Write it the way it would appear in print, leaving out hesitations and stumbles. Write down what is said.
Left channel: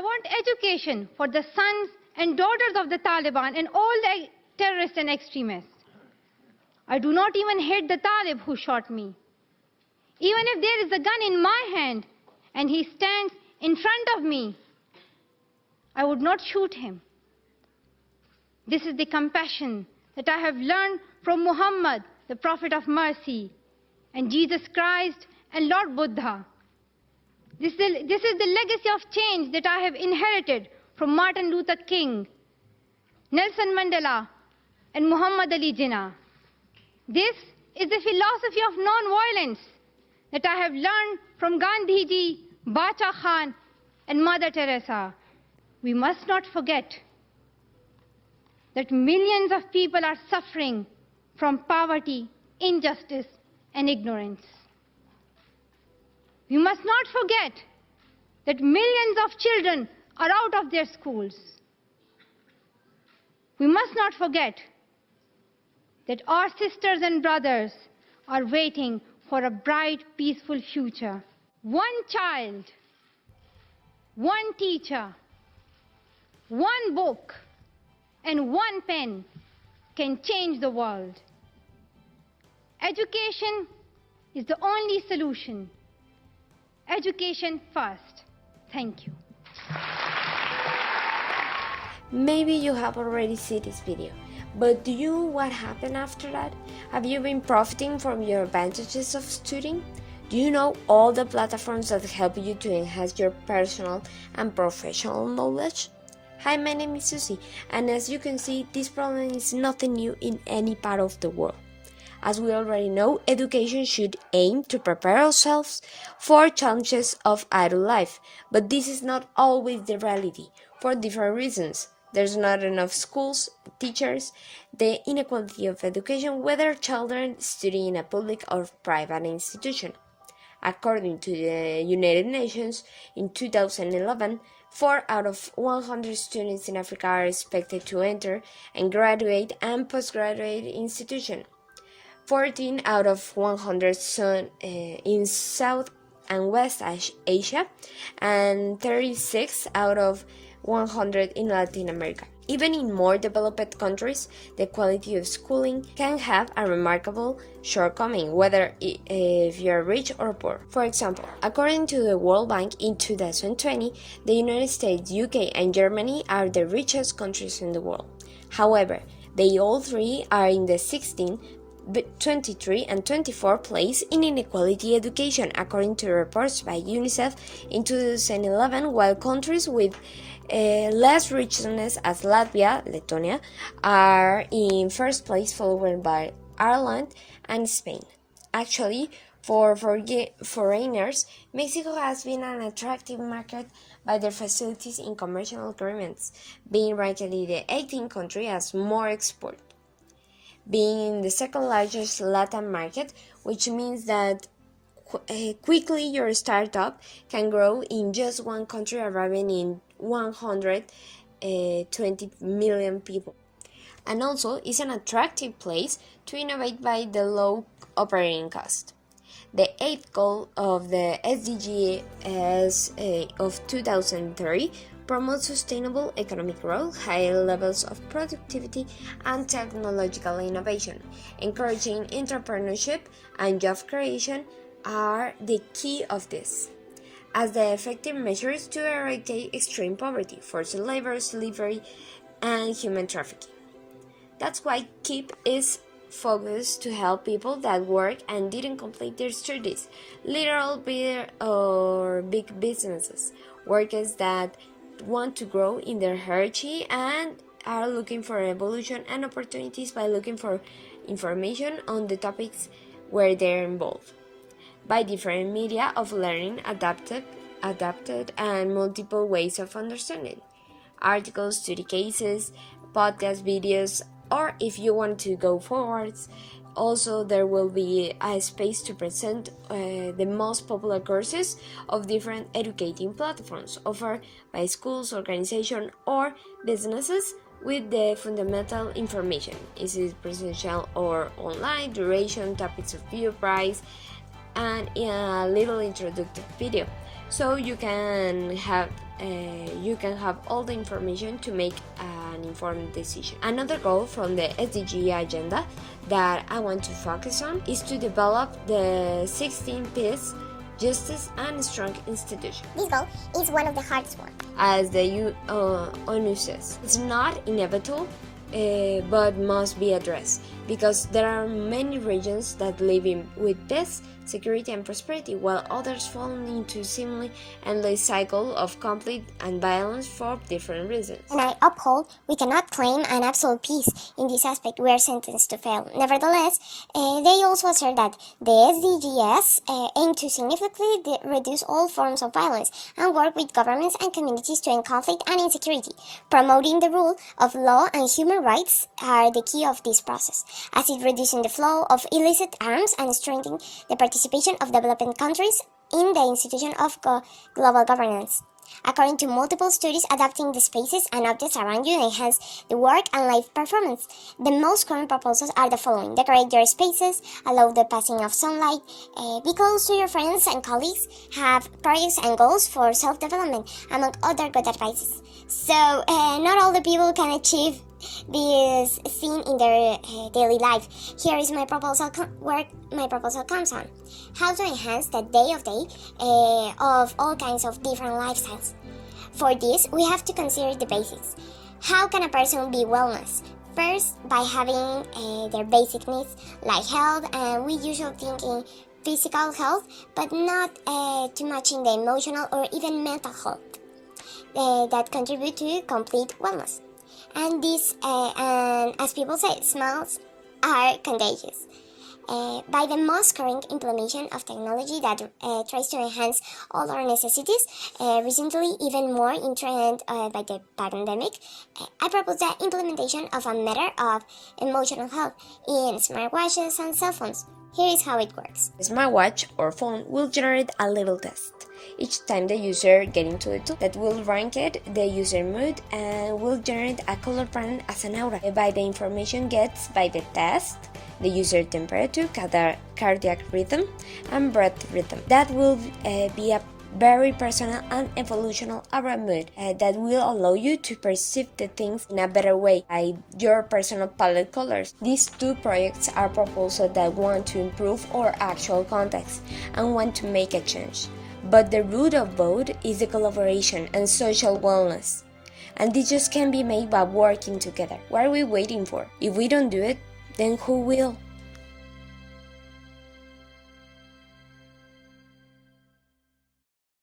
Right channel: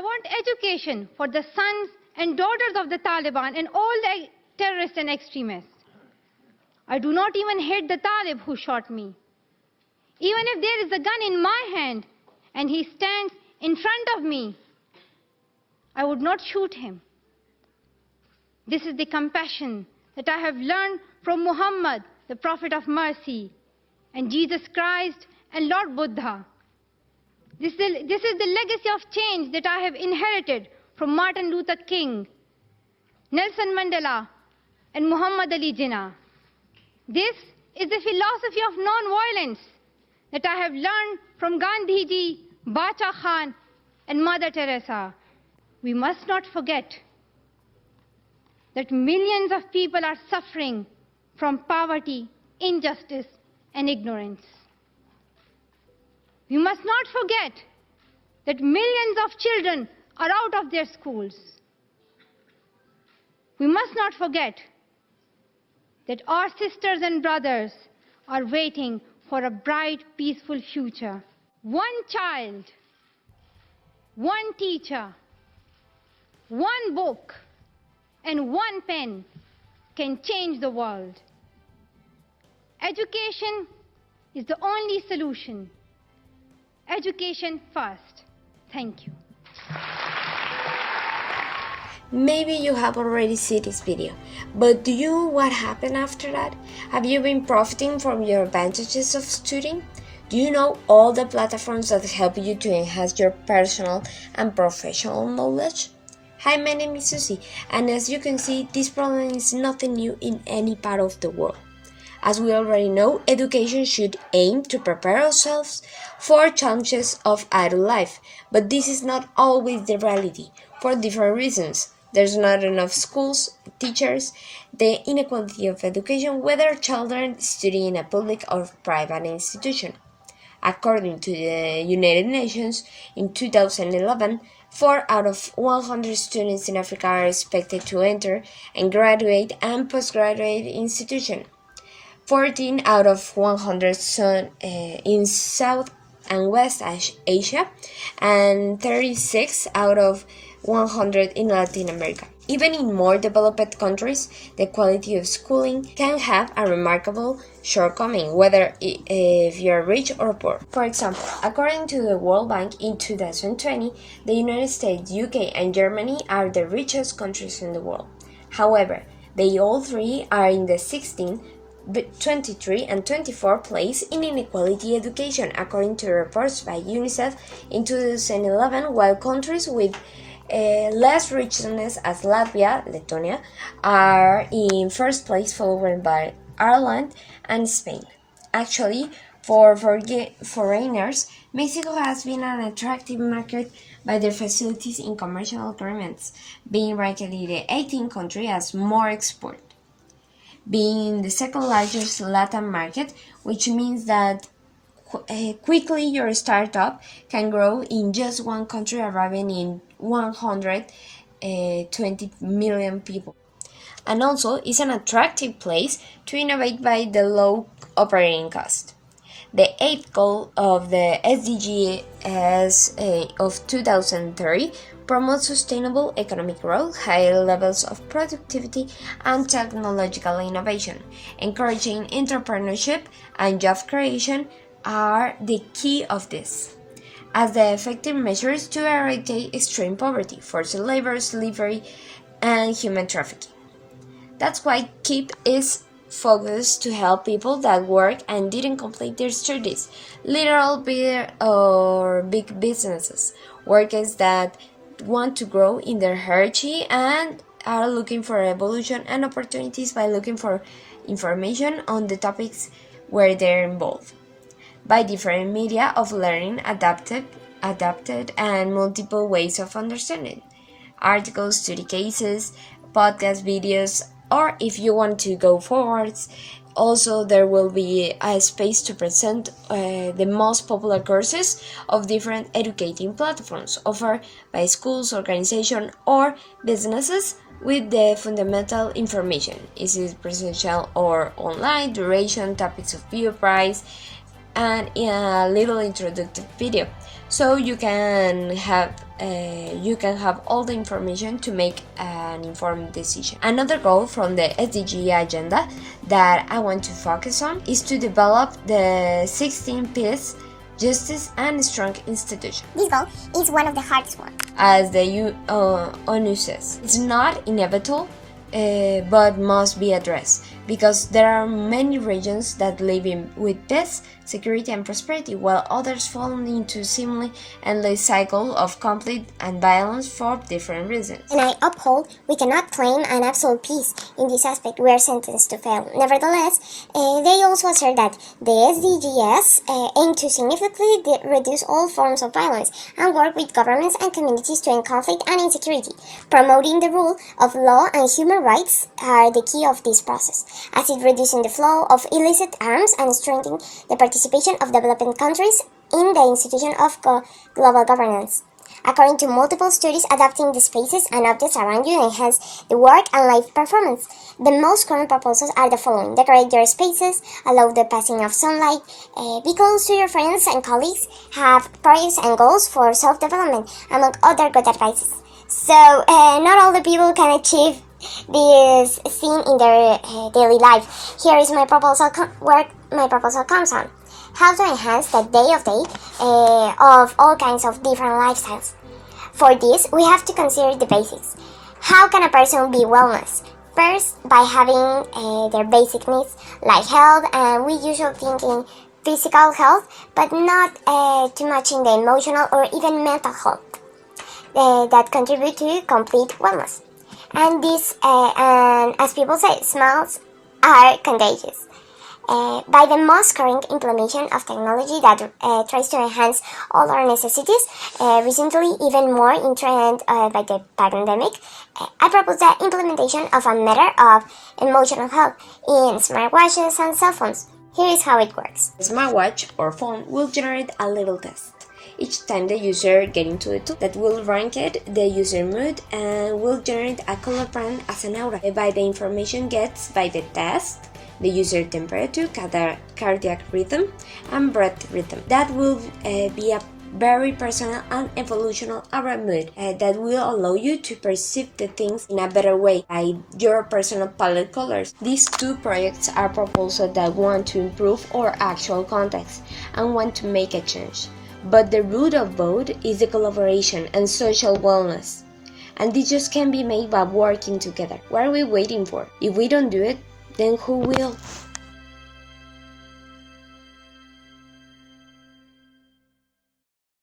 I want education for the sons and daughters of the Taliban and all the terrorists and extremists. I do not even hate the Talib who shot me. Even if there is a gun in my hand and he stands in front of me, I would not shoot him. This is the compassion that I have learned from Muhammad, the Prophet of Mercy, and Jesus Christ and Lord Buddha. This is the legacy of change that I have inherited from Martin Luther King, Nelson Mandela, and Muhammad Ali Jinnah. This is the philosophy of non-violence that I have learned from Gandhiji, Bacha Khan, and Mother Teresa. We must not forget that millions of people are suffering from poverty, injustice, and ignorance. We must not forget that millions of children are out of their schools. We must not forget that our sisters and brothers are waiting for a bright, peaceful future. One child, one teacher, one book, and one pen can change the world. Education is the only solution. Education first. Thank you. Maybe you have already seen this video, but do you know what happened after that? Have you been profiting from your advantages of studying? Do you know all the platforms that help you to enhance your personal and professional knowledge? Hi, my name is Susie, and as you can see, this problem is nothing new in any part of the world. As we already know, education should aim to prepare ourselves for challenges of adult life, but this is not always the reality, for different reasons. There's not enough schools, teachers, the inequality of education, whether children study in a public or private institution. According to the United Nations, in 2011, 4 out of 100 students in Africa are expected to enter and graduate and postgraduate institution. 14 out of 100 in South and West Asia, and 36 out of 100 in Latin America. Even in more developed countries, the quality of schooling can have a remarkable shortcoming, whether if you are rich or poor. For example, according to the World Bank in 2020, the United States, UK, and Germany are the richest countries in the world. However, they all three are in the 16th, 23 and 24 place in inequality education, according to reports by UNICEF in 2011, while countries with less richness as Latvia, Lithuania, are in first place, followed by Ireland and Spain. Actually, for foreigners, Mexico has been an attractive market by their facilities in commercial agreements, being ranked in the 18th country as more export. Being the second largest Latin market, which means that quickly your startup can grow in just one country, arriving in 120 million people. And also is an attractive place to innovate by the low operating cost. The 8th goal of the SDGs of 2030 promotes sustainable economic growth, high levels of productivity, and technological innovation. Encouraging entrepreneurship and job creation are the key of this, as the effective measures to eradicate extreme poverty, forced labor, slavery, and human trafficking. That's why KEEP is focused to help people that work and didn't complete their studies, little big businesses, workers that want to grow in their hierarchy and are looking for evolution and opportunities by looking for information on the topics where they're involved, by different media of learning adapted and multiple ways of understanding, articles, study cases, podcast videos, or if you want to go forwards, also there will be a space to present the most popular courses of different educating platforms offered by schools, organizations, or businesses with the fundamental information. Is it presential or online, duration, topics of view, price, and a little introductory video. So you can have you can have all the information to make an informed decision. Another goal from the SDG agenda that I want to focus on is to develop the 16 Peace, Justice and Strong institution. This goal is one of the hardest ones. As the ONU says, it's not inevitable, but must be addressed, because there are many regions that live with peace, security and prosperity, while others fall into seemingly endless cycle of conflict and violence for different reasons. And I uphold we cannot claim an absolute peace. In this aspect, we are sentenced to fail. Nevertheless, they also assert that the SDGs aim to significantly reduce all forms of violence and work with governments and communities to end conflict and insecurity. Promoting the rule of law and human rights are the key of this process, as it reduces the flow of illicit arms and strengthening the participation of developing countries in the institution of global governance. According to multiple studies, adapting the spaces and objects around you enhance the work and life performance. The most common proposals are the following: decorate your spaces, allow the passing of sunlight, be close to your friends and colleagues, have projects and goals for self-development, among other good advices. So, not all the people can achieve this thing in their daily life. Here is my proposal, where my proposal comes on. How to enhance the day of all kinds of different lifestyles. For this, we have to consider the basics. How can a person be wellness? First, by having their basic needs like health, and we usually think in physical health, but not too much in the emotional or even mental health that contribute to complete wellness. And this, and as people say, smiles are contagious. By the most current implementation of technology that tries to enhance all our necessities, recently even more in trend by the pandemic, I propose the implementation of a matter of emotional health in smartwatches and cell phones. Here is how it works. A smartwatch or phone will generate a little test each time the user gets into the tool that will rank it the user mood and will generate a color brand as an aura. By the information gets by the test, the user temperature, cardiac rhythm, and breath rhythm. That will be a very personal and evolutional aura mood that will allow you to perceive the things in a better way by your personal palette colors. These two projects are proposals that want to improve our actual context and want to make a change. But the root of both is the collaboration and social wellness. And this just can be made by working together. What are we waiting for? If we don't do it, then who will?